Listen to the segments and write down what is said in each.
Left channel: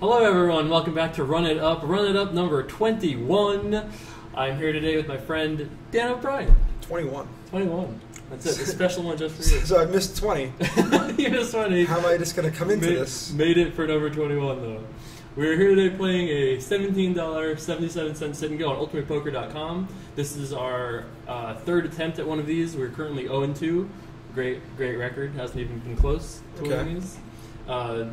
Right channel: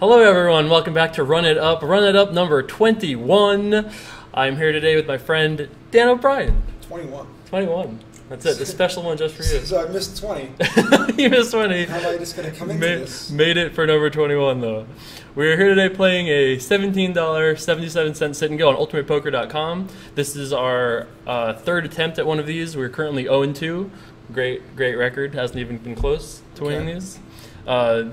Hello everyone, welcome back to Run It Up number 21. I'm here today with my friend Dan O'Brien. 21. 21. That's it, the special one just for you. So I missed 20. You missed 20. How am I just going to come into this? Made it for number 21 though. We're here today playing a $17.77 sit and go on ultimatepoker.com. This is our third attempt at one of these. We're currently 0-2. Great record. Hasn't even been close to winning these.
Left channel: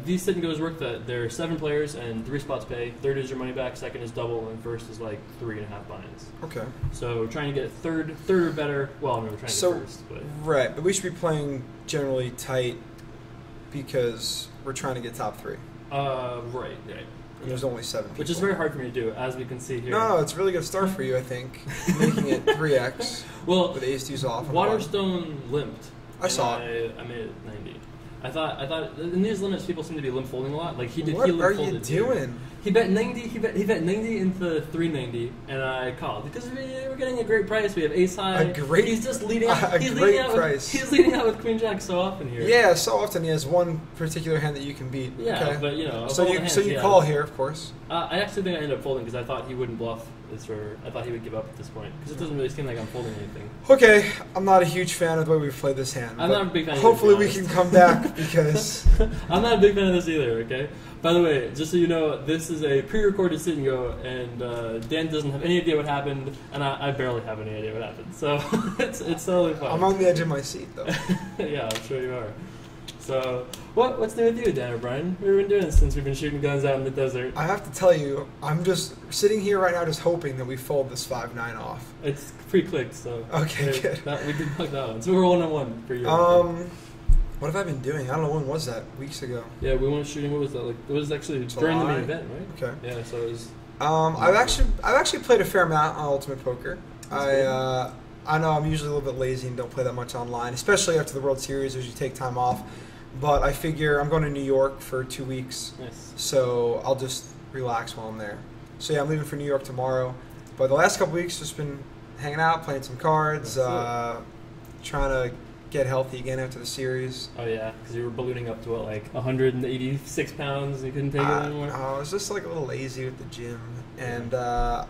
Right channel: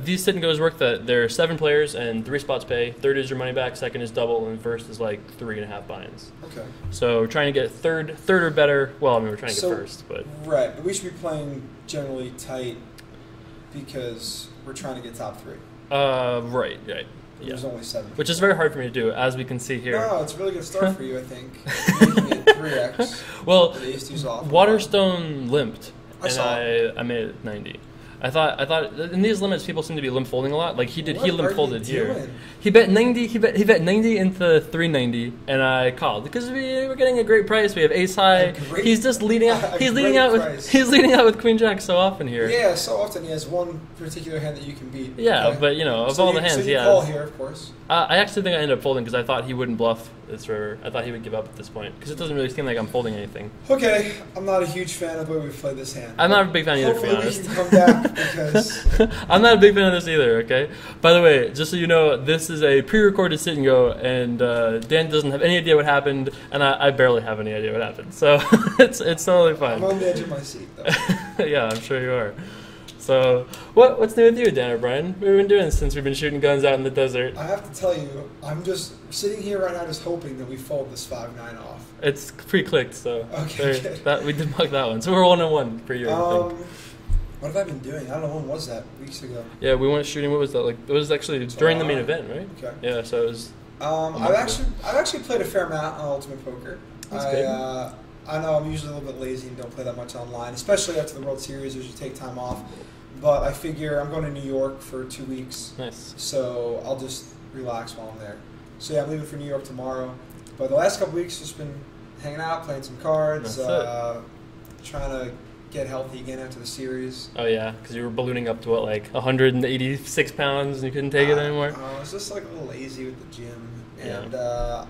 These sit and goes work that there are 7 players and 3 spots pay. Third is your money back, second is double, and first is like 3.5 buy-ins. Okay. So we're trying to get third or better. Well, I mean, we're trying to get first, but right. But we should be playing generally tight because we're trying to get top 3. Right. Yeah. There's only 7 people. Which is very hard for me to do, as we can see here. No, it's a really good start for you, I think. Making it 3x. Well, with ace-2's off. Waterstone limped. I saw. I made it 90. I thought in these limits people seem to be limp folding a lot. Like he did, What he limp folded are you here. doing? He bet 90. He bet 90 into 390, and I called because we're getting a great price. We have ace high. He's just leading out. He's leading out with queen jack so often here. Yeah, so often he has one particular hand that you can beat. Yeah, okay? but you know, of so all the hands, so you call here, of course. I actually think I ended up folding because I thought he wouldn't bluff this river. I thought he would give up at this point because it doesn't really seem like I'm folding anything. Okay, I'm not a huge fan of the way we've played this hand. I'm not a big fan either. Hopefully we can come back because I'm not a big fan of this either. Okay. By the way, just so you know, this is a pre-recorded sit and go, and Dan doesn't have any idea what happened, and I barely have any idea what happened. So it's totally fine. I'm on the edge of my seat though. Yeah, I'm sure you are. So, what's new with you, Dan O'Brien? What have you been doing since we've been shooting guns out in the desert? I have to tell you, I'm just sitting here right now just hoping that we fold this 5-9 off. It's pre-clicked, so okay, good. We debunked that one. So we're 1-1 for you. What have I been doing? I don't know, when was that? Weeks ago. Yeah, we went shooting, what was that, like, it was actually during the main event, right? Okay. Yeah, so it was... I've actually played a fair amount on Ultimate Poker. I know I'm usually a little bit lazy and don't play that much online, especially after the World Series, as you take time off. But I figure I'm going to New York for 2 weeks. Nice. So I'll just relax while I'm there. So yeah, I'm leaving for New York tomorrow. But the last couple weeks, just been hanging out, playing some cards, trying to get healthy again after the series. Oh yeah, because you were ballooning up to what, like 186 pounds and you couldn't take it anymore? I was just like a little lazy with the gym. And I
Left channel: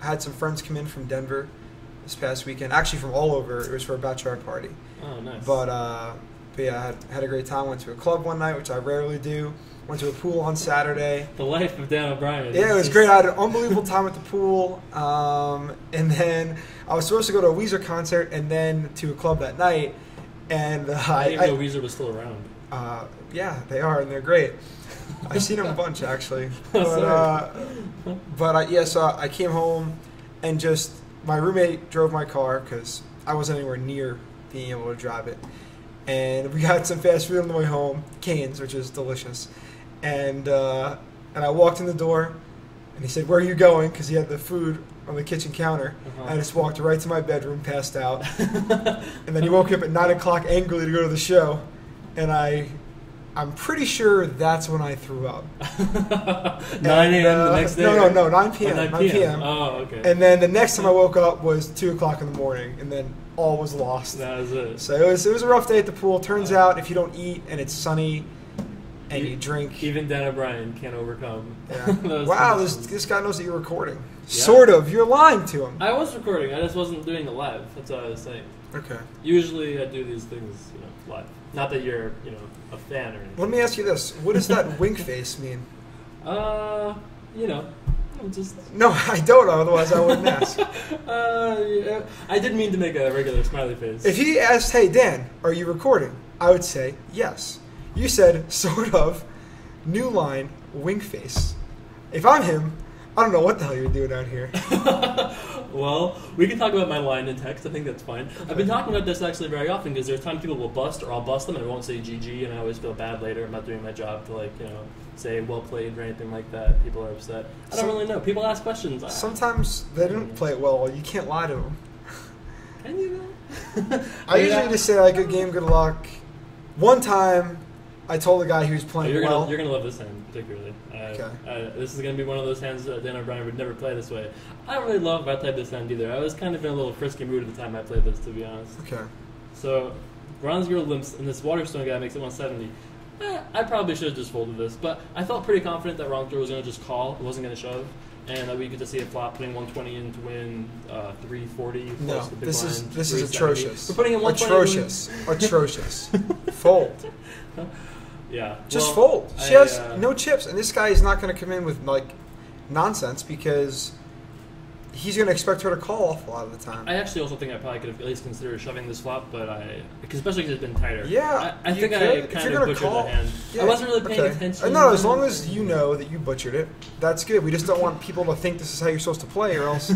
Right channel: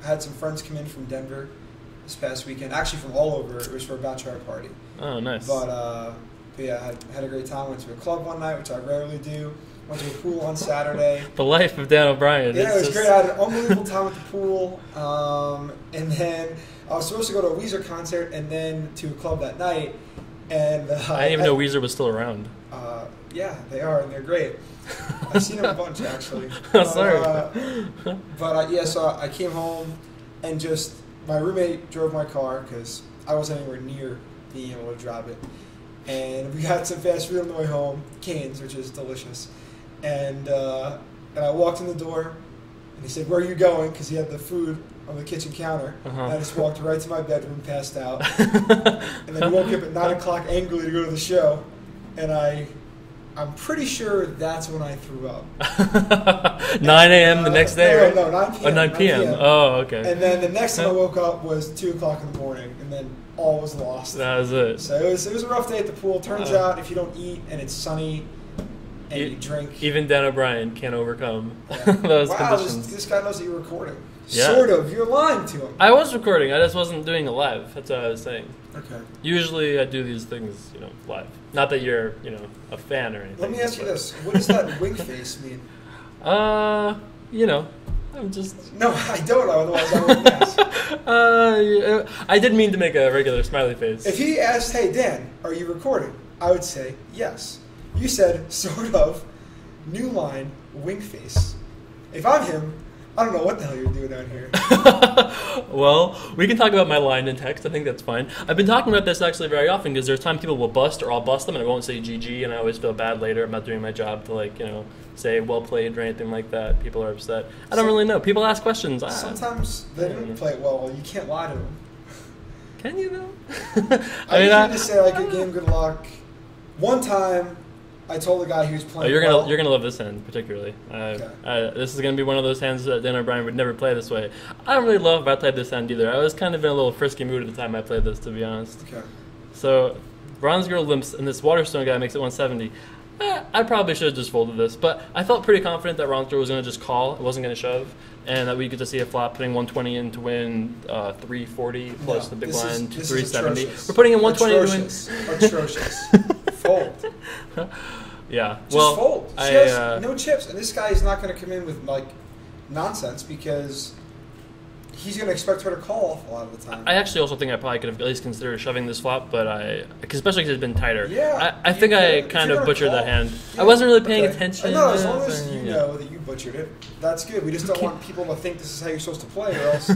had some friends come in from Denver this past weekend, actually from all over. It was for a bachelorette party. Oh, nice. But yeah, I had a great time. Went to a club one night, which I rarely do. Went to a pool on Saturday. The life of Dan O'Brien. Yeah, it was great. I had an unbelievable time at the pool. And then I was supposed to go to a Weezer concert and then to a club that night. And I didn't even know Weezer was still around. Yeah, they are, and they're great. I've seen them a bunch, actually. Sorry. So I came home and just, my roommate drove my car because I wasn't anywhere near being able to drive it. And we got some fast food on the way home, Cane's, which is delicious. And I walked in the door, and he said, "Where are you going?" Because he had the food on the kitchen counter. I just walked right to my bedroom, passed out. And then he woke up at 9 o'clock angrily to go to the show. And I'm pretty sure that's when I threw up. 9 a.m. the next day? No, 9 p.m. Oh, 9 p.m. Oh, okay. And then the next time I woke up was 2 o'clock in the morning, and then all was lost. That was it. So it was a rough day at the pool. Turns out if you don't eat and it's sunny and you drink... Even Dan O'Brien can't overcome those conditions. This guy knows that you're recording. Yeah. Sort of. You're lying to him. I was recording. I just wasn't doing it live. That's what I was saying. Okay. Usually I do these things, live. Not that you're, a fan or anything. Let me ask you this. What does that wink face mean? I'm just... No, I don't know. Otherwise I wouldn't ask. I didn't mean to make a regular smiley face. If he asked, "Hey, Dan, are you recording?" I would say, yes. You said, sort of, new line, wink face. If I'm him, I don't know what the hell you're doing out here. Well, we can talk about my line in text. I think that's fine. I've been talking about this actually very often because there's times people will bust or I'll bust them and I won't say GG and I always feel bad later. I'm not doing my job to say well played or anything like that. People are upset. I don't really know. People ask questions. Sometimes they didn't play it well. You can't lie to them. Can you though? I usually just say good game, good luck. One time, I told the guy he was playing you're gonna love this hand particularly. Okay. This is gonna be one of those hands that Dan O'Brien would never play this way. I don't really love if I played this hand either. I was kind of in a little frisky mood at the time I played this, to be honest. Okay. So, bronze girl limps and this Waterstone guy makes it 170. I probably should have just folded this, but I felt pretty confident that wrong throw was going to just call. It wasn't going to shove, and that we get to see a flop putting 120 in to win 340 plus the big blind 370. We're putting in 120. Atrocious. Fold. Yeah. Just fold. She has no chips, and this guy is not going to come in with like nonsense because he's going to expect her to call off a lot of the time. I actually also think I probably could have at least considered shoving this flop, but especially because it's been tighter. Yeah, I think I kind of butchered that hand. Yeah, I wasn't really paying attention. No, as long as you know that you butchered it, that's good. We just don't want people to think this is how you're supposed to play, or else.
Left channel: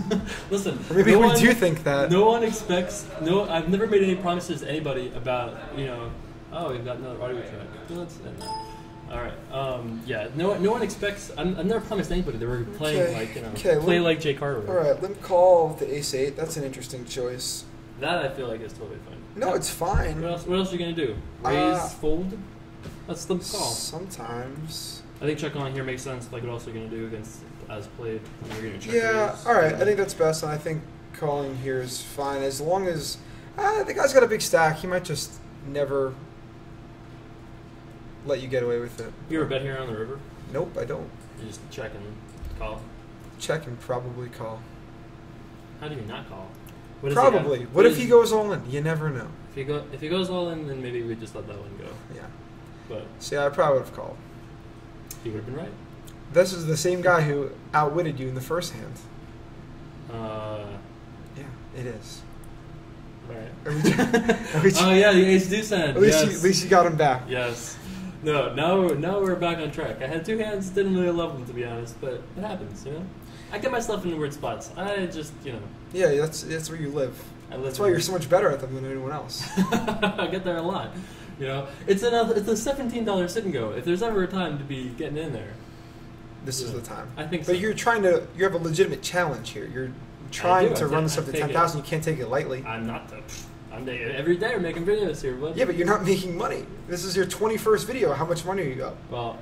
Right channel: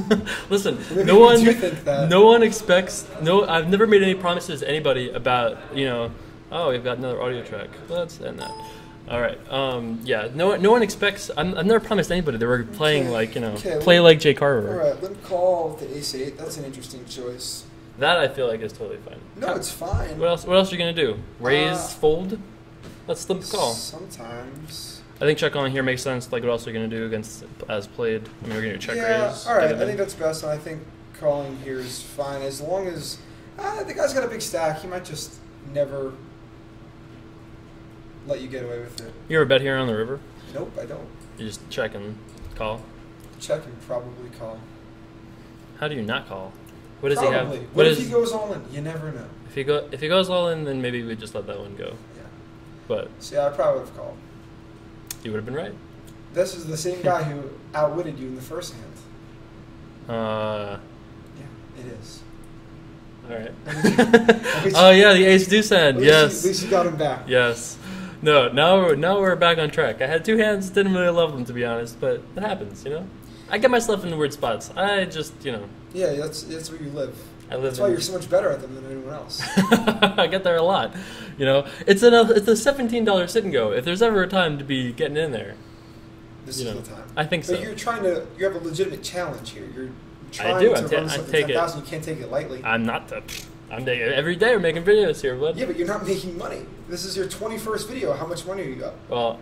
Listen, maybe no one do think that. No one expects. No, I've never made any promises to anybody about oh, we've got another audio track. Let's end that. All right. Yeah. No one expects. I've never promised anybody that we're playing play like Jay Carver. All right. Limp call with the ace-8. That's an interesting choice. That I feel like is totally fine. No, it's fine. What else are you gonna do? Raise, fold? Let's limp call. Sometimes. I think check on here makes sense. Like what else are you gonna do against as played? I mean, we're gonna check raise. All right. I think that's best, and I think calling here is fine as long as the guy's got a big stack. He might just never let you get away with it. You ever bet here on the river? Nope, I don't. You just check and call? Check and probably call. How do you not call? What does probably. He have? What if he goes all in? You never know. If he goes all in, then maybe we just let that one go. Yeah. But see, I probably would have called. You would have been right. This is the same guy who outwitted you in the first hand. Yeah, it is. All right. Oh yeah, the ace deuce hand. Yes. At least you got him back. Yes. No, now we're back on track. I had two hands, didn't really love them to be honest, but it happens, I get myself in weird spots. I just, Yeah, that's where you live. That's why you're so much better at them than anyone else. I get there a lot. It's a $17 sit and go. If there's ever a time to be getting in there, this is the time. I think so. But you have a legitimate challenge here. You're trying to run something 10,000. You can't take it lightly. I'm every day we're making videos here, bud. Yeah, but you're not making money. This is your 21st video. How much money you got? Well,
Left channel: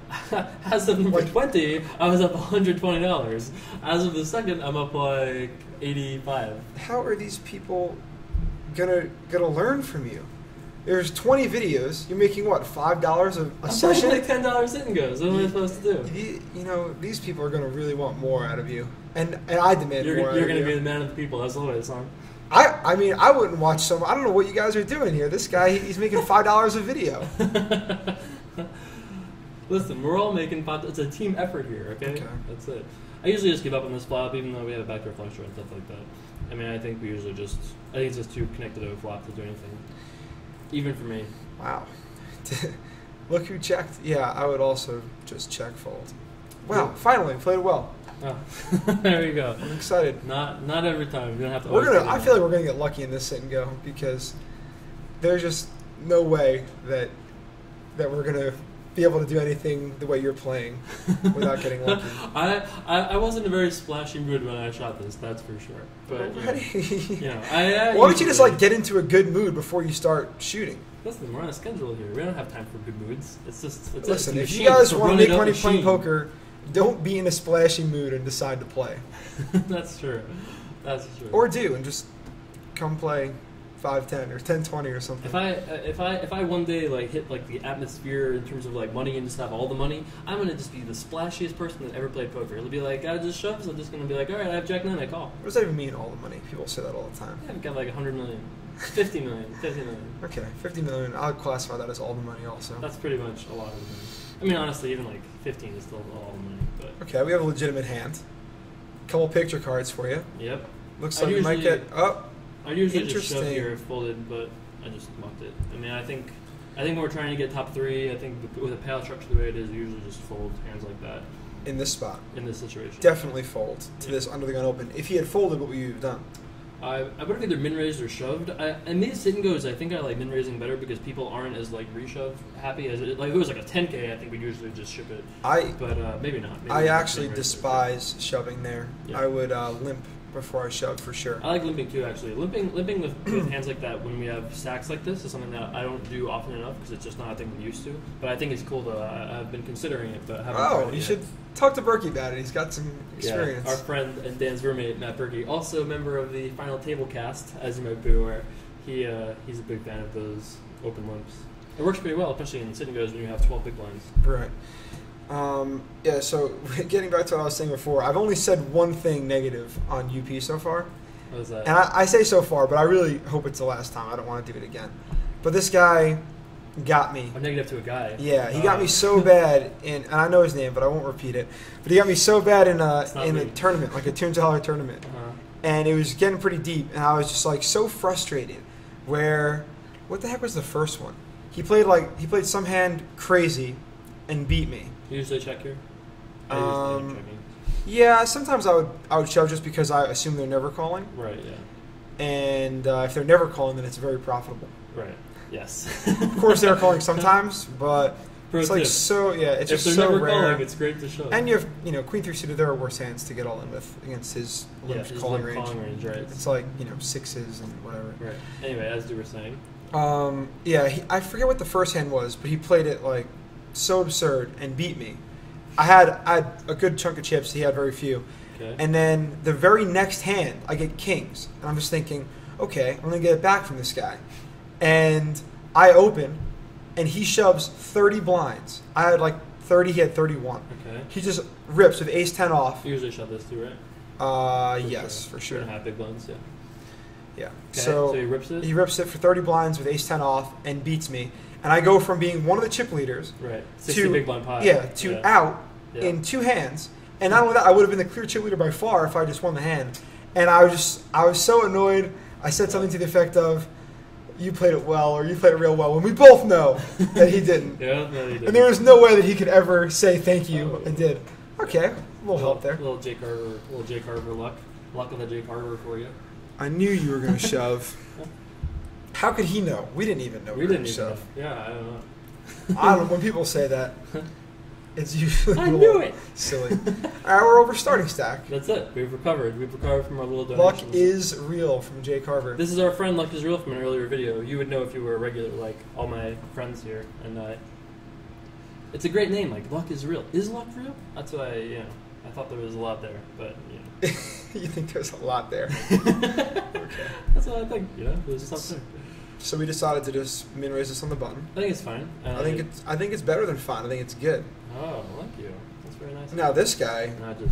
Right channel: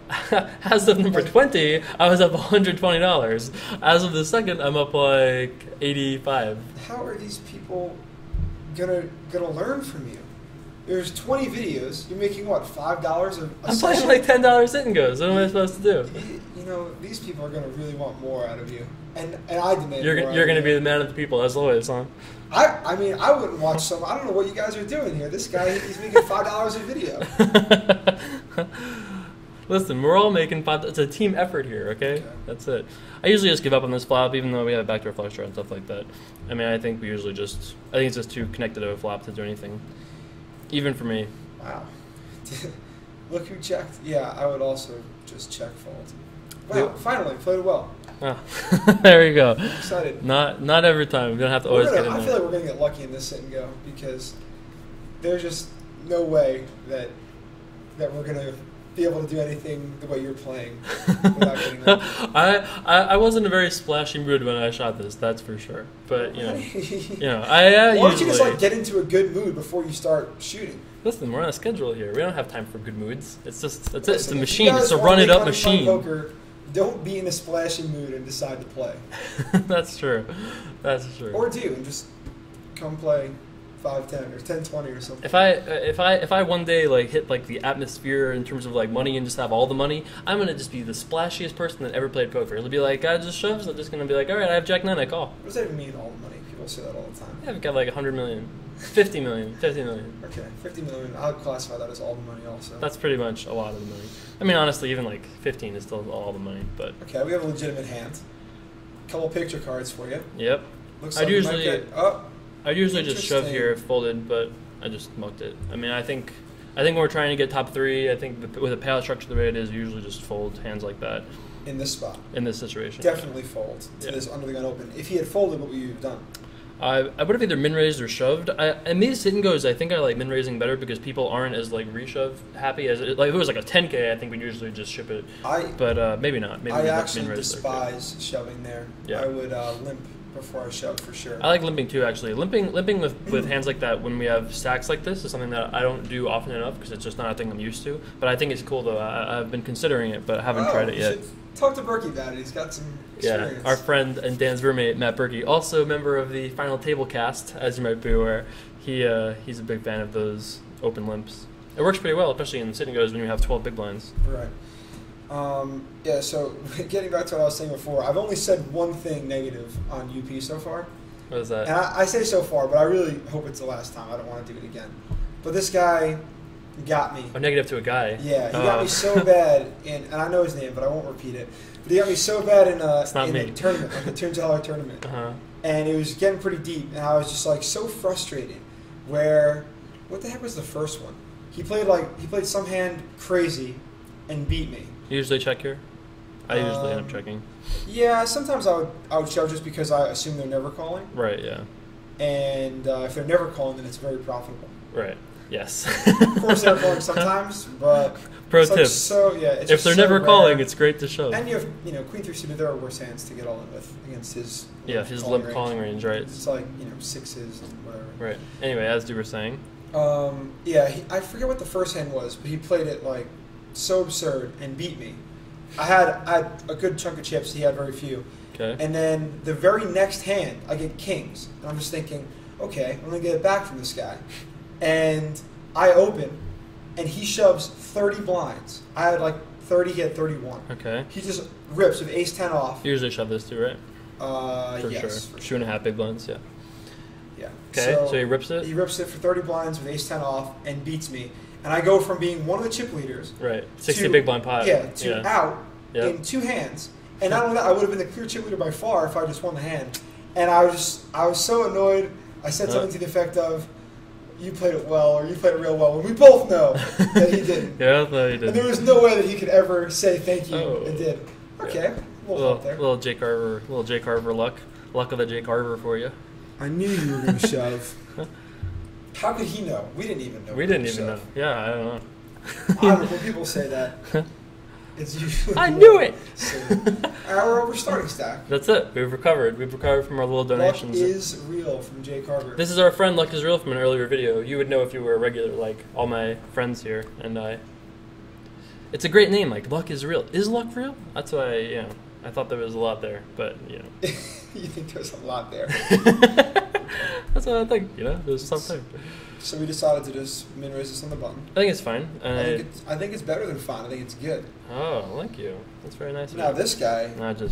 as of number 20, I was up $120. As of the second, I'm up like 85. How are these people gonna learn from you? There's 20 videos. You're making what, $5 a session? I'm playing like $10 sit and goes. What am I supposed to do? These people are gonna really want more out of you, and I demand more. You're gonna be the man of the people, as always, huh? I mean, I wouldn't watch some. I don't know what you guys are doing here. This guy, he's making $5 a video. Listen, we're all making $5. It's a team effort here, okay? That's it. I usually just give up on this flop, even though we have a backdoor flush draw and stuff like that. I mean, I think it's just too connected to a flop to do anything. Even for me. Wow. Look who checked. Yeah, I would also just check fold. Wow, finally, played well. Oh. There you go. I'm excited. Not every time. We're gonna have to always. I feel like we're gonna get lucky in this sit and go because there's just no way that we're gonna be able to do anything the way you're playing without getting lucky. I wasn't in a very splashy mood when I shot this. That's for sure. But why don't you just get into a good mood before you start shooting? Listen, we're on a schedule here. We don't have time for good moods. It's just it's a if machine. You guys it's a run it up machine. Poker, don't be in a splashy mood and decide to play. That's true. That's true. Or do and just come play 5-10 or 10-20 or something. If I one day hit the atmosphere in terms of money and just have all the money, I'm gonna just be the splashiest person that ever played poker. It'll be like, God just shoves. I'm just gonna be like, all right, I have Jack 9, I call. What does that even mean? All the money? People say that all the time. Yeah, I've got 100 million, 50 million, 50 million. Okay, 50 million. I'll classify that as all the money also. That's pretty much a lot of the money. I mean, honestly, even 15 is still all the money. But okay, we have a legitimate hand. Couple picture cards for you. Yep. Looks like you might get up. I usually just shove here, folded, but I just mucked it. I mean, I think when we're trying to get top 3, I think with a payout structure the way it is, we usually just fold hands like that. In this spot. In this situation. Definitely fold to this under the gun open. If he had folded, what would you have done? I would have either min-raised or shoved. And these sit and goes, I think I like min-raising better because people aren't as reshove happy as it. If it was a 10K, I think we'd usually just ship it. But maybe not. Maybe I actually despise shoving there. Yeah. I would limp before I shove for sure. I like limping too, actually. Limping with hands like that when we have stacks like this is something that I don't do often enough because it's just not a thing I'm used to. But I think it's cool though. I've been considering it, but haven't tried it yet. You should talk to Berkey about it. He's got some experience. Yeah, our friend and Dan's roommate Matt Berkey, also a member of the Final Table cast, as you might be aware. He's a big fan of those open limps. It works pretty well, especially in sit and goes when you have 12 big blinds. Right. Yeah, so getting back to what I was saying before, I've only said one thing negative on UP so far. What is that? And I say so far, but I really hope it's the last time. I don't want to do it again. But this guy got me. A negative to a guy? Yeah, he got me so bad and I know his name, but I won't repeat it. But he got me so bad in a tournament, like a $200 tournament. Uh-huh. And it was getting pretty deep, and I was just like so frustrated. Where, what the heck was the first one? He played some hand crazy, and beat me. You usually check here? I usually end up checking. Yeah, sometimes I would shove just because I assume they're never calling. Right. Yeah. And if they're never calling, then it's very profitable. Right. Yes. Of course, they're calling sometimes, but pro it's tip. like so yeah. It's if just they're so never rare. calling, it's great to shove. And you have queen through suited. There are worse hands to get all in with against his his limp calling range, right? It's like sixes and whatever. Right. Anyway, as you were saying. I forget what the first hand was, but he played it like so absurd and beat me. I had a good chunk of chips. He had very few. Okay. And then the very next hand, I get kings. And I'm just thinking, okay, I'm going to get it back from this guy. And I open, and he shoves 30 blinds. I had like 30, he had 31. Okay. He just rips with ace-10 off. You usually shove this too, right? Yes. Sure. For sure. 2.5 big blinds, yeah. Yeah. Okay, so he rips it? He rips it for 30 blinds with ace-10 off and beats me. And I go from being one of the chip leaders. Right. 60 big blind pot. Yeah, out in two hands. And not only that, I would have been the clear chip leader by far if I just won the hand. And I was so annoyed. I said something to the effect of, you played it well, or you played it real well, when we both know that he didn't. Yeah, no, he didn't. And there was no way that he could ever say thank you and did. Okay, we'll help there. Little Jay Carver luck. Luck of the Jay Carver for you. I knew you were going to shove. How could he know? We didn't even know. We didn't even know. Yeah, I don't know. I don't know. When people say that, it's usually I knew it! Silly. We're over starting stack. That's it. We've recovered. We've recovered from our little donations. Luck is real from Jay Carver. This is our friend Luck is real from an earlier video. You would know if you were a regular, like all my friends here and I. It's a great name, like Luck is real. Is Luck real? That's why, I thought there was a lot there, but, You think there's a lot there? That's what I think, there's something. So we decided to just min-raise this on the button. I think it's fine. I think it's better than fine. I think it's good. Oh, thank you. That's very nice. Now this guy,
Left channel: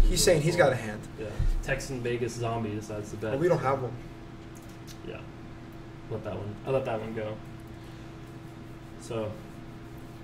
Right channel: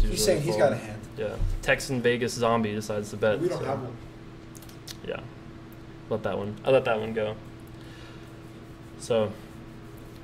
he's saying he's got a hand. Yeah. Texan Vegas zombie decides to bet. We don't have one. Yeah. I let that one go. So,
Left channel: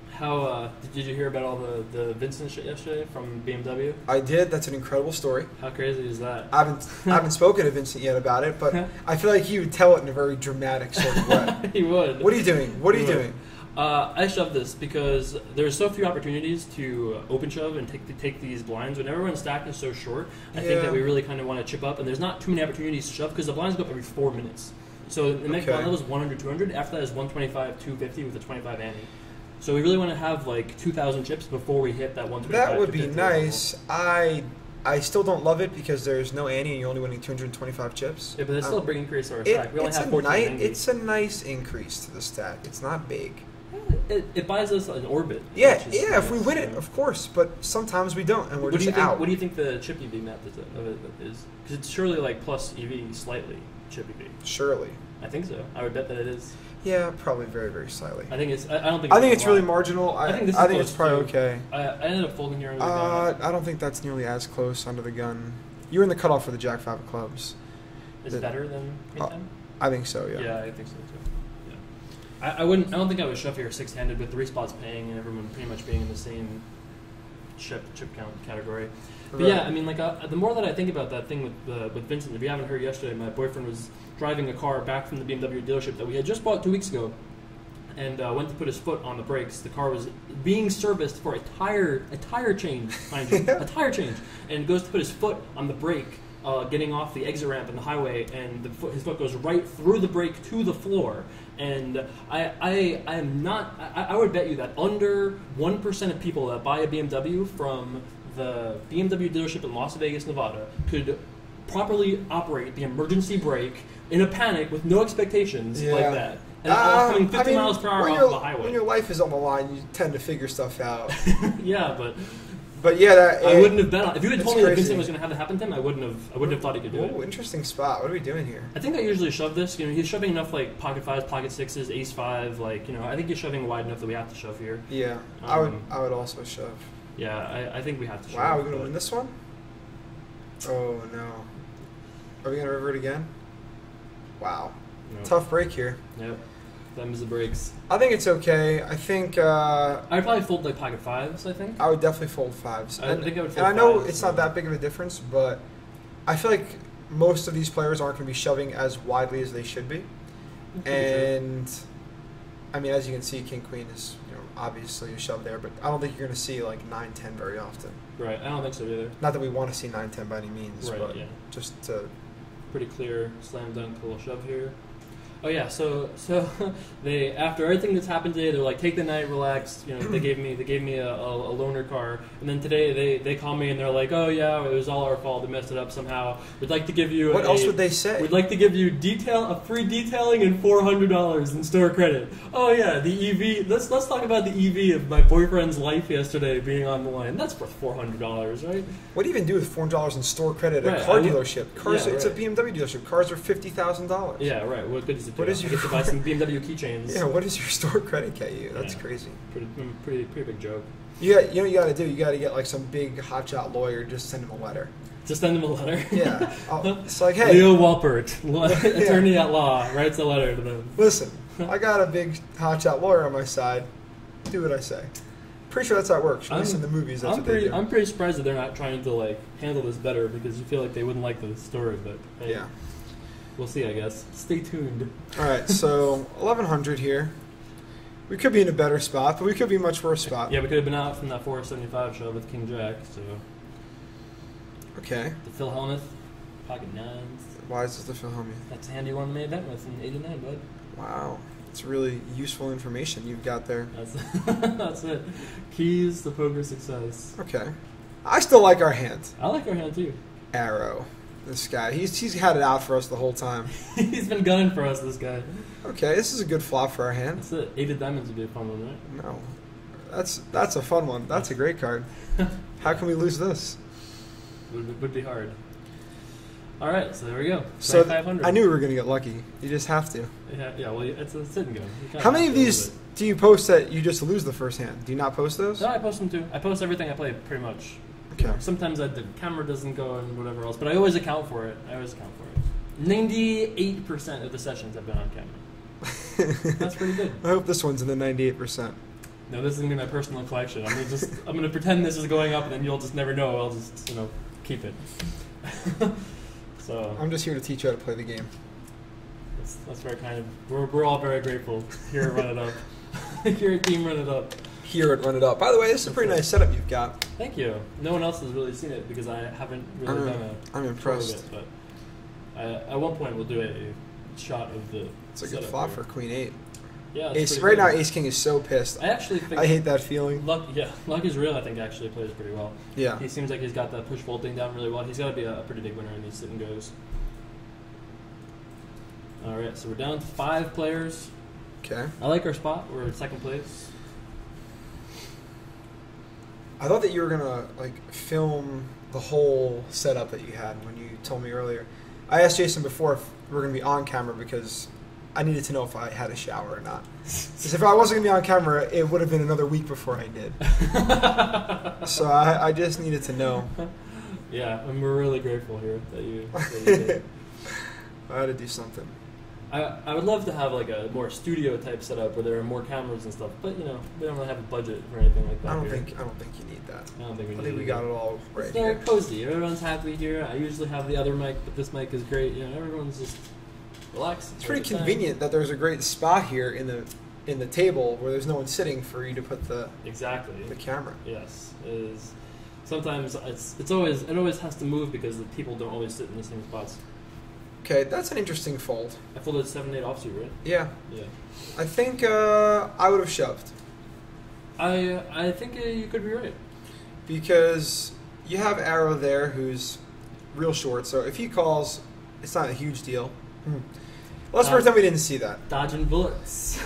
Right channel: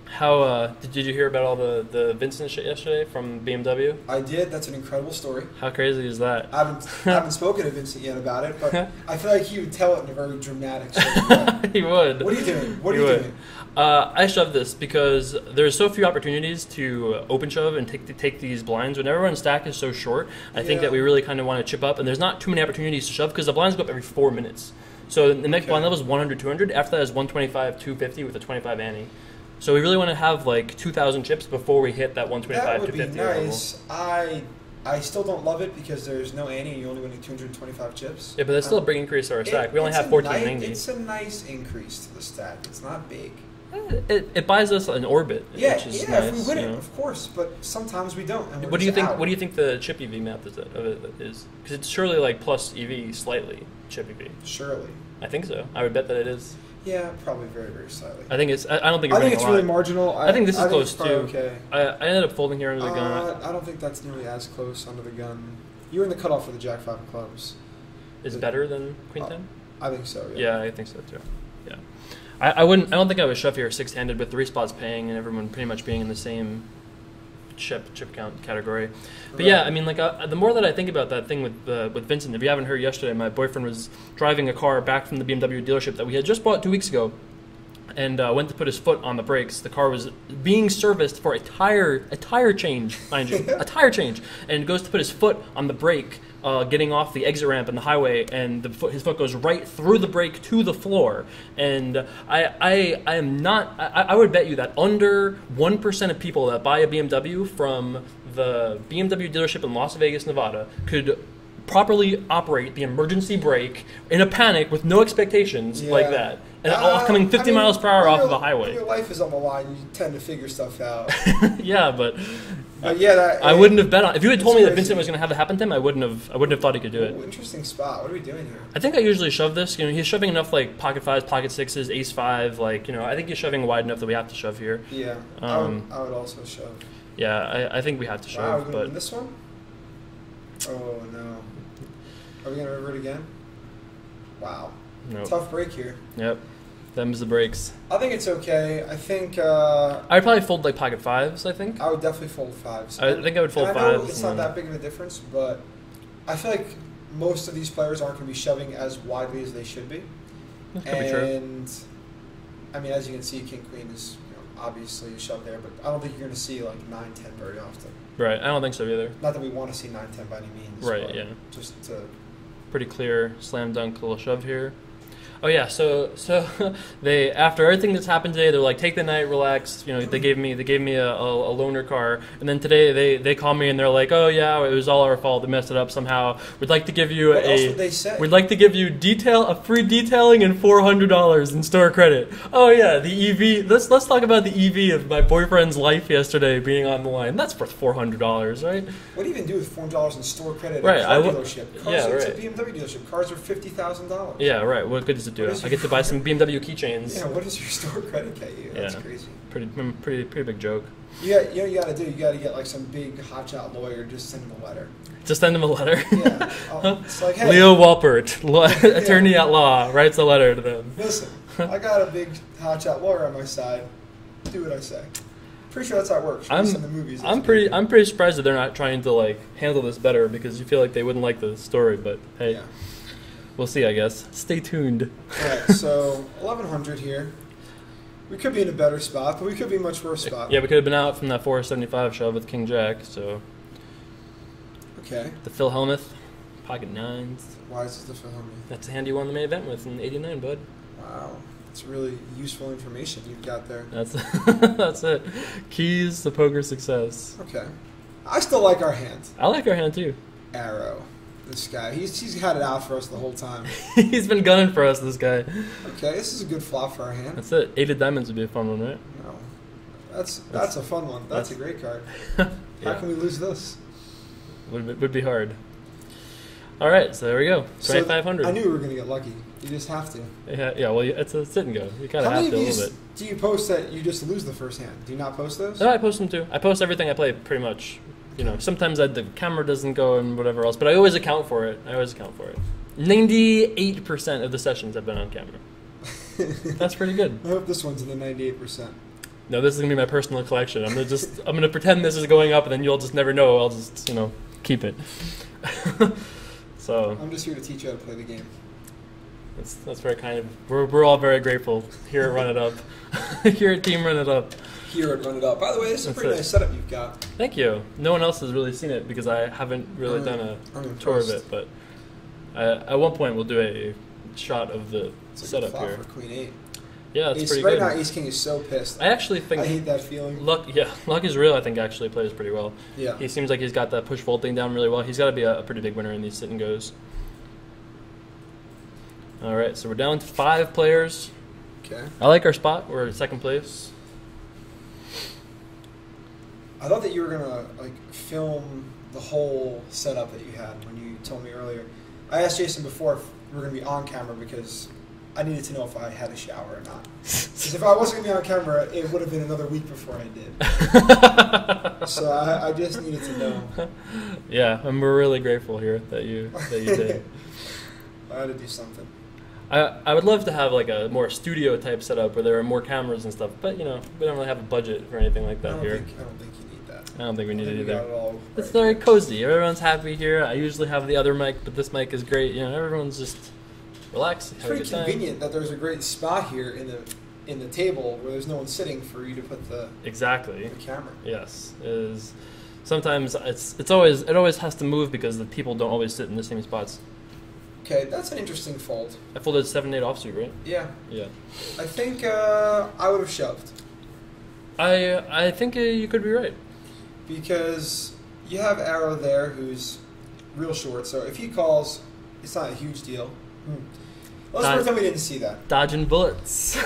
how did you hear about all the Vincent shit yesterday from BMW? I did. That's an incredible story. How crazy is that? I haven't spoken to Vincent yet about it, but I feel like he would tell it in a very dramatic sort of way. He would. What are you doing? What are you doing? I shove this because there's so few opportunities to open shove and take these blinds. When everyone's stack is so short, I think that we really kind of want to chip up, and there's not too many opportunities to shove because the blinds go up every 4 minutes. So the next blind level is 100, 200. After that is 125, 250 with a 25 ante. So we really want to have like 2,000 chips before we hit that 125, That would be 250 nice. Level. I still don't love it because there's no ante and you're only winning 225 chips. Yeah, but that's still a big increase to our stack. We only have 1490. It's a nice increase to the stack. It's not big. It buys us an orbit. Yeah, which is if we nice, win it, of course. But sometimes we don't. And what do you think? What do you think the chip EV map is? Because it's surely like plus EV slightly chip EV. Surely. I think so. I would bet that it is. Yeah, probably very, very slightly. I think it's. I don't think. I think it's really marginal. I think this is close too. Okay. I ended up folding here under the gun. I don't think that's nearly as close under the gun. You're in the cutoff for the Jack 5 of clubs. Is it better than Queen 10? I think so. Yeah. Yeah, I think so too. Yeah. I wouldn't. I don't think I would shove here 6-handed with 3 spots paying and everyone pretty much being in the same chip count category. But yeah, I mean, like the more that I think about that thing with Vincent, if you haven't heard yesterday, my boyfriend was driving a car back from the BMW dealership that we had just bought 2 weeks ago, and went to put his foot on the brakes. The car was being serviced for a tire change, mind you, a tire change, and goes to put his foot on the brake, getting off the exit ramp on the highway, and his foot goes right through the brake to the floor. And I am not. I would bet you that under 1% of people that buy a BMW from the BMW dealership in Las Vegas, Nevada, could properly operate the emergency brake in a panic with no expectations like that. And coming 50 miles per hour off of the highway. When your life is on the line, you tend to figure stuff out. Yeah, but But yeah, I wouldn't have bet on. If you had told me that crazy. Vincent was going to have it happen to him, I wouldn't have thought he could do it. Ooh, interesting spot. What are we doing here? I think I usually shove this. He's shoving enough like pocket fives, pocket sixes, ace five. Like I think he's shoving wide enough that we have to shove here. Yeah, I would also shove. Yeah, I think we have to shove. Wow, we're gonna win this one. Oh no. Are we gonna revert again? Wow. Nope. Tough break here. Yep. Them's the breaks. I think it's okay. I think I'd probably fold like pocket fives. I think. I would definitely fold fives. I think I would fold and fives. I know it's not that big of a difference, but I feel like most of these players aren't going to be shoving as widely as they should be. And I mean, as you can see, King Queen is obviously a shove there, but I don't think you're going to see like 9-10 very often. Right. I don't think so either. Not that we want to see 9-10 by any means. Right. But Yeah. Just pretty clear slam dunk little shove here. Oh yeah, so they, after everything that's happened today, they're like, take the night, relax. They gave me a loaner car, and then today they call me and they're like, oh yeah, it was all our fault. They messed it up somehow. We'd like to give you what else would they say? We'd like to give you a free detailing and $400 in store credit. Oh yeah, the EV. Let's talk about the EV of my boyfriend's life yesterday being on the line. That's worth $400, right? What do you even do with $400 in store credit right, at a car dealership? Cars, yeah, it's right. a BMW delership. Cars are $50,000. Yeah, right. What good does it do? I get to buy some BMW keychains. Yeah, what does your store credit get you? That's crazy. Pretty big joke. You know what you got to do? You got to get like some big hotshot lawyer, just send him a letter. Just send him a letter. Yeah. It's like, hey. Leo Walpert, attorney at law, writes a letter to them. Listen, I got a big hotshot lawyer on my side. Do what I say. Pretty sure that's how it works. In the movies. I'm pretty surprised that they're not trying to like handle this better, because you feel like they wouldn't like the story. But hey, yeah. We'll see, I guess. Stay tuned. All right, so 1100 here. We could be in a better spot, but we could be a much worse spot. Yeah, we could have been out from that 475 shove with King Jack. So. Okay. The Phil Hellmuth, pocket nines. Why is this the Phil Hellmuth? That's a hand you won the main event with in '89, bud. Wow. That's really useful information you've got there. That's it. Keys to poker success. Okay. I still like our hand. I like our hand too. Arrow. This guy. He's had it out for us the whole time. He's been gunning for us, this guy. Okay, this is a good flop for our hand. That's it. 8 of diamonds would be a fun one, right? No. That's a fun one. That's a great card. How can we lose this? Would be hard. All right, so there we go. 2,500. I knew we were going to get lucky. You just have to. Yeah. Well, it's a sit and go. How many of these do you post that you just lose the first hand? Do you not post those? No, I post them too. I post everything I play pretty much. Sometimes the camera doesn't go and whatever else, but I always account for it. 98% of the sessions have been on camera. That's pretty good. I hope this one's in the 98%. No, this is gonna be my personal collection. I'm gonna pretend this is going up, and then you'll just never know. I'll just keep it. So I'm just here to teach you how to play the game. That's very kind of. We're all very grateful here at Run It Up. Here at Team Run It Up. Here at Run It Up. By the way, this is a pretty nice setup you've got. Thank you. No one else has really seen it because I haven't really done a tour of it. But at one point we'll do a shot of the it's like setup a flop here. for Queen 8. Yeah, it's pretty right good. now Ace King is so pissed. I actually think I hate that feeling. Luck is real. I think actually plays pretty well. Yeah. He seems like he's got that push fold thing down really well. He's got to be a pretty big winner in these sit and goes. All right, so we're down to 5 players. Okay. I like our spot. We're in second place. I thought that you were gonna film the whole setup that you had when you told me earlier. I asked Jason before if we were gonna be on camera because I needed to know if I had a shower or not. Because if I wasn't gonna be on camera, it would have been another week before I did. So I just needed to know. Yeah, and we're really grateful here that you did. I had to do something. I would love to have like a more studio type setup where there are more cameras and stuff, but we don't really have a budget for anything like that here. I don't think you need that. I don't think we need it either. We got it all right. It's very cozy. Everyone's happy here. I usually have the other mic, but this mic is great. Everyone's just relaxed. It's pretty convenient that there's a great spot here in the table where there's no one sitting for you to put the camera. Yes, is sometimes it always has to move because the people don't always sit in the same spots. Okay, that's an interesting fold. I folded 7-8 offsuit, right? Yeah. Yeah. I think I would have shoved. I think you could be right. Because you have Arrow there who's real short, so if he calls, it's not a huge deal. Let's pretend we didn't see that. Dodging bullets.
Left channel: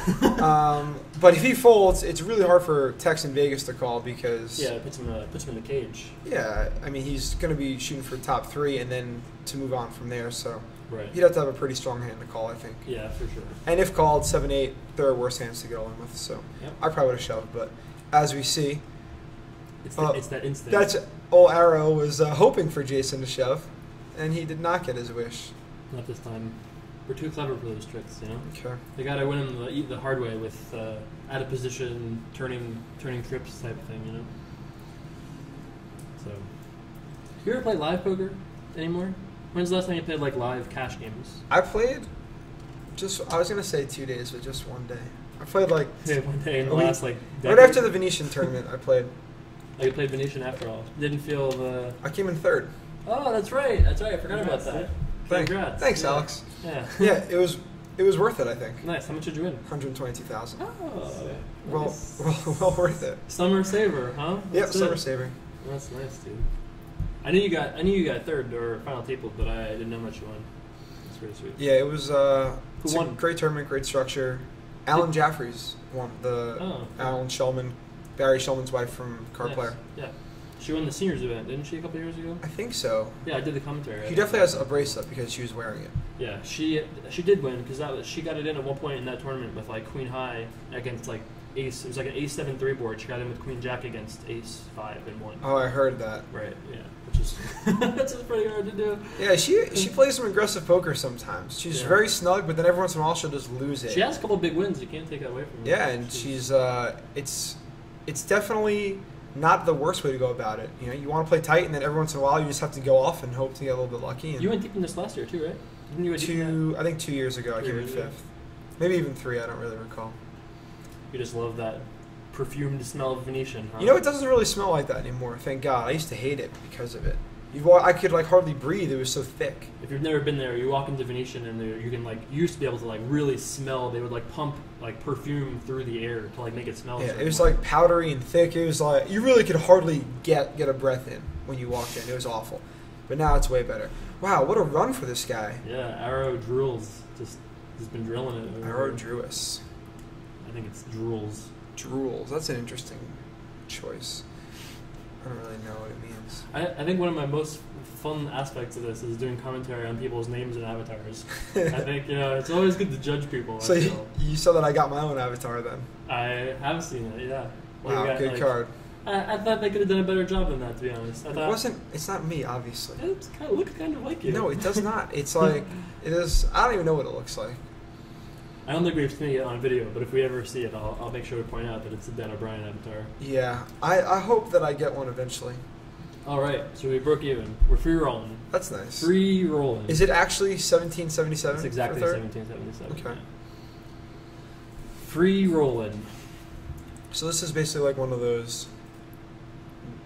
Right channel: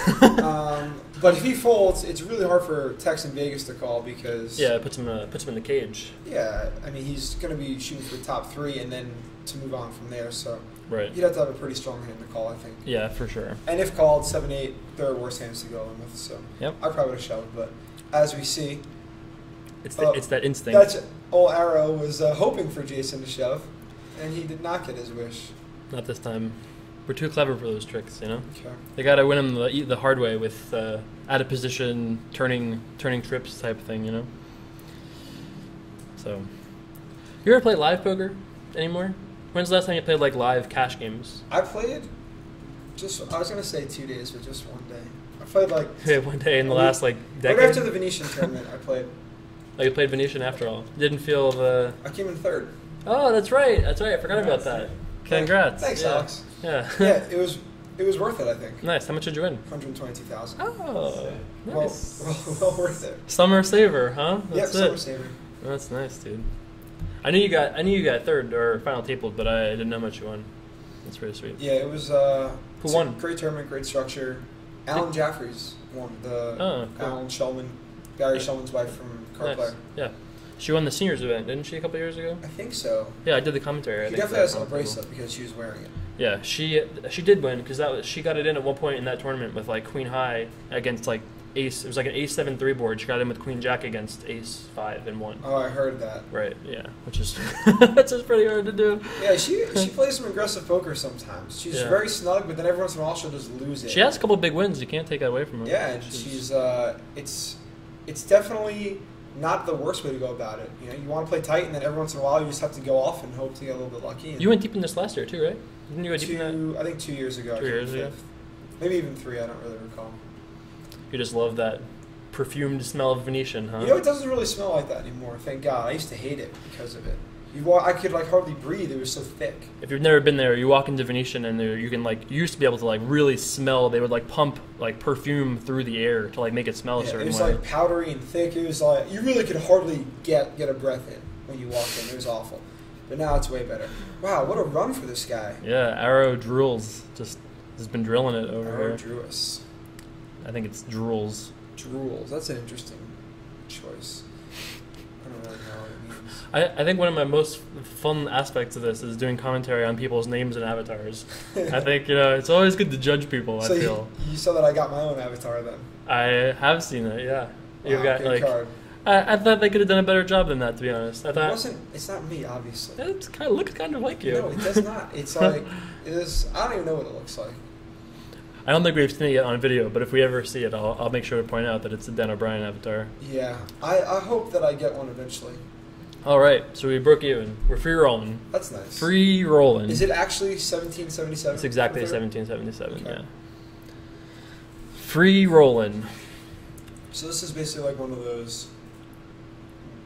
But if he folds, it's really hard for Tex in Vegas to call because it puts him in the cage. Yeah, I mean he's going to be shooting for top 3 and then to move on from there. So right. you'd have to have a pretty strong hand to call, I think. Yeah, for sure. And if called 7-8, there are worse hands to go in with. So yep. I probably would have shoved, but as we see, it's that instinct. That's old Arrow was hoping for Jason to shove, and he did not get his wish. Not this time. We're too clever for those tricks, you know. Okay. They gotta win them the hard way with out of position, turning trips type of thing, you know. So, you ever play live poker anymore? When's the last time you played like live cash games? I played I was gonna say 2 days, but just one day. I played like one day in the last like decade. Right after the Venetian tournament, I played. Oh, you played Venetian after all. Didn't feel the. I came in 3rd. Oh, that's right. I forgot about that. Congrats. Thanks, yeah. Alex. Yeah. Yeah, it was worth it, I think. Nice. How much did you win? 122,000. Oh, nice. Well worth it. Summer saver, huh? Yep, summer saver. That's nice, dude. I knew you got 3rd or final table, but I didn't know how much you won. That's pretty sweet. Yeah, it was who won? Great tournament, great structure. Alan Jeffries won cool. Alan Shulman, Barry Shulman's wife from Card Player. Yeah. She won the seniors event, didn't she, a couple years ago? I think so. Yeah, I did the commentary. She definitely has a bracelet because she was wearing it. Yeah, she did win because she got it in at one point in that tournament with like Queen High against like Ace. It was like an Ace 7-3 board. She got in with Queen Jack against Ace 5 and won. Oh, I heard that. Right. Yeah, which is that's just pretty hard to do. Yeah, she plays some aggressive poker sometimes. She's very snug, but then every once in a while she'll just lose it. She has a couple big wins. You can't take that away from her. Yeah, and she's it's definitely not the worst way to go about it. You know, you want to play tight, and then every once in a while you just have to go off and hope to get a little bit lucky. And you went deep in this last year too, right? Didn't you go deep in that? I think 2 years ago. 2 years, I came 5th. Maybe even 3. I don't really recall. You just love that perfumed smell of Venetian, huh? You know, it doesn't really smell like that anymore. Thank God. I used to hate it because of it. I could like hardly breathe. It was so thick. If you've never been there, you walk into Venetian and you can like you used to be able to like really smell. They would like pump like perfume through the air to like make it smell. Yeah, a certain it was way. like powdery and thick. It was like you really could hardly get a breath in when you walked in. It was awful. But now it's way better. Wow, what a run for this guy. Yeah, Arrow Drools just has been drilling it over. Arrow Drewis. I think it's Drools. Drools. That's an interesting choice. I don't really know what it means. I think one of my most fun aspects of this is doing commentary on people's names and avatars. I think, it's always good to judge people, So I feel. You saw that I got my own avatar then? I have seen it, yeah. Wow, good card. I thought they could have done a better job than that, to be honest. I thought it's not me, obviously. It looks kind of like you. No, it does not. It's like, it is, I don't even know what it looks like. I don't think we've seen it yet on video, but if we ever see it, I'll make sure to point out that it's the Dan O'Brien avatar. Yeah, I hope that I get one eventually. All right, so we broke even. We're free rolling. That's nice. Free rolling. Is it actually 1777? It's exactly 1777. Okay. Yeah. Free rolling. So this is basically like one of those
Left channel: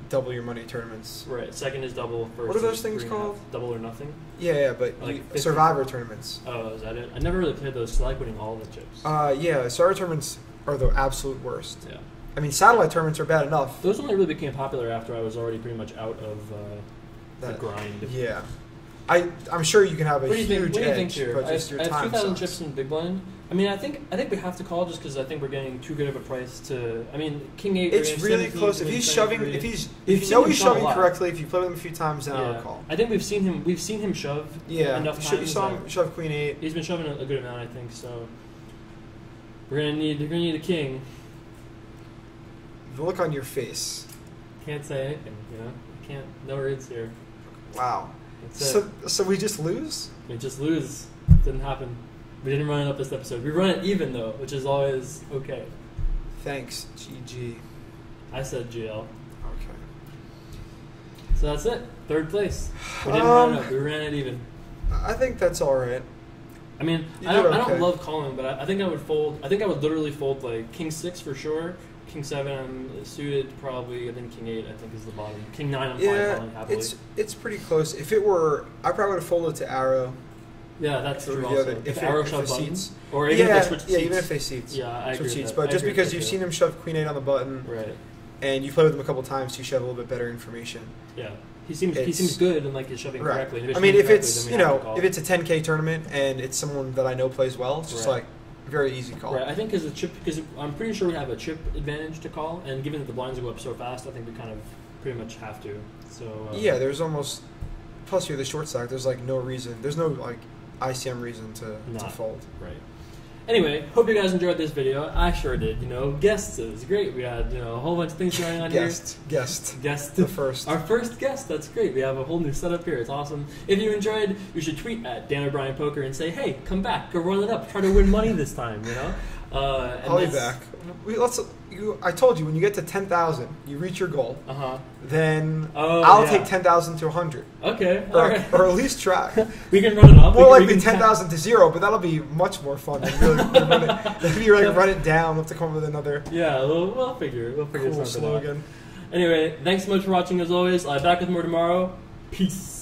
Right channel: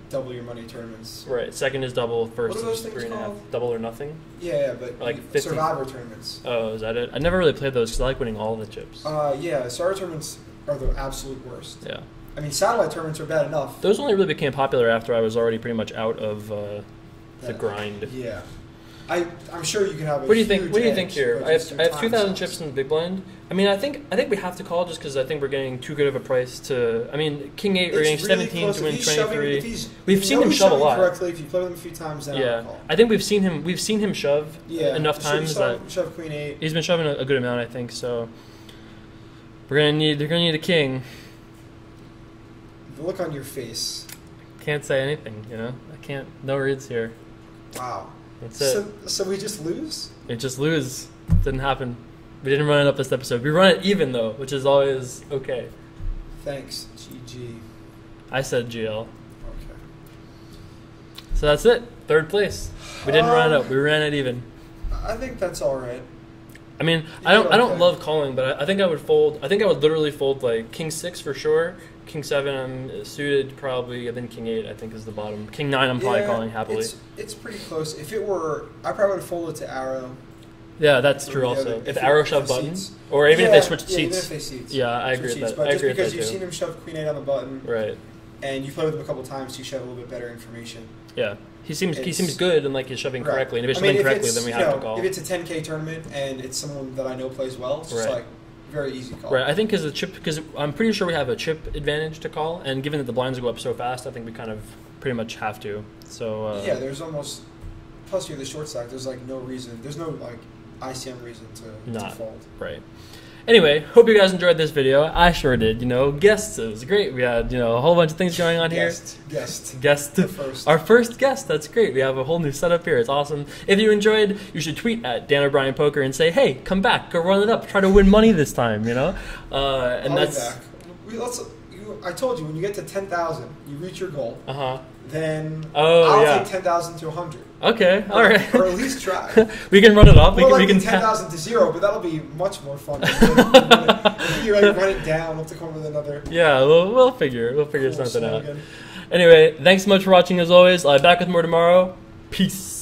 double your money tournaments. Right. Second is double. First what are those is things 3.5. called? Double or nothing. Yeah, but like Survivor tournaments. Oh, is that it? I never really played those because I like winning all the chips. Yeah, Survivor tournaments are the absolute worst. Yeah. I mean, satellite tournaments are bad enough. Those only really became popular after I was already pretty much out of the grind. Yeah. I'm sure you can have a What do you think? huge What do you edge, think here? but I just have your time 2,000 sucks. chips in the big blind. I mean, I think we have to call just because I think we're getting too good of a price to. I mean, King 8 or It's King really 17 close. to win If he's shoving, 23. we've seen him shove a lot correctly. If you play with him a few times, then I'll call. I think we've seen him shove enough times. Shove Queen 8. He's been shoving a good amount, I think. So they're gonna need a king. The look on your face. Can't say anything, I can't. No reads here. Wow. That's it. So we just lose? It just lose. Didn't happen. We didn't run it up this episode. We run it even though, which is always okay. Thanks, GG. I said GL. Okay. So that's it. Third place. We didn't run it up. We ran it even. I think that's all right. I mean, You I don't did okay. love calling, but I think I would fold. I think I would literally fold like King 6 for sure. King 7 I'm suited probably, and then King 8 I think is the bottom. King 9 I'm probably calling happily. It's pretty close. If it were, I probably would have folded to Arrow. Yeah, that's true also. If Arrow shove buttons, or even if they switch seats. Yeah, even if they seats. Yeah, I agree with that. But just because you've seen him shove Queen 8 on the button, right, and you play with him a couple times, you should have a little bit better information. Yeah, he seems good and like he's shoving correctly. And if it's I mean, shoving correctly, then we have to call. If it's a 10K tournament and it's someone that I know plays well, it's just like very easy call. Right, I think because I'm pretty sure we have a chip advantage to call, and given that the blinds go up so fast, I think we kind of pretty much have to. So yeah, there's almost plus you're the short stack. There's like no reason. There's no like ICM reason to fold. Right. Anyway, hope you guys enjoyed this video. I sure did. You know, guests, it was great. We had, you know, a whole bunch of things going on here. Guest. Our first guest. That's great. We have a whole new setup here. It's awesome. If you enjoyed, you should tweet at Dan O'Brien Poker and say, "Hey, come back. Go run it up. Try to win money this time." You know. And I'll be back. I told you when you get to 10,000, you reach your goal. Then I'll take 10,000 to 100. Okay, all right. Or at least try. We can run it up. We can 10,000 to 0, but that'll be much more fun. If you like run it down, we'll have to come up with another. Yeah, we'll figure something out. Anyway, thanks so much for watching as always. Back with more tomorrow. Peace.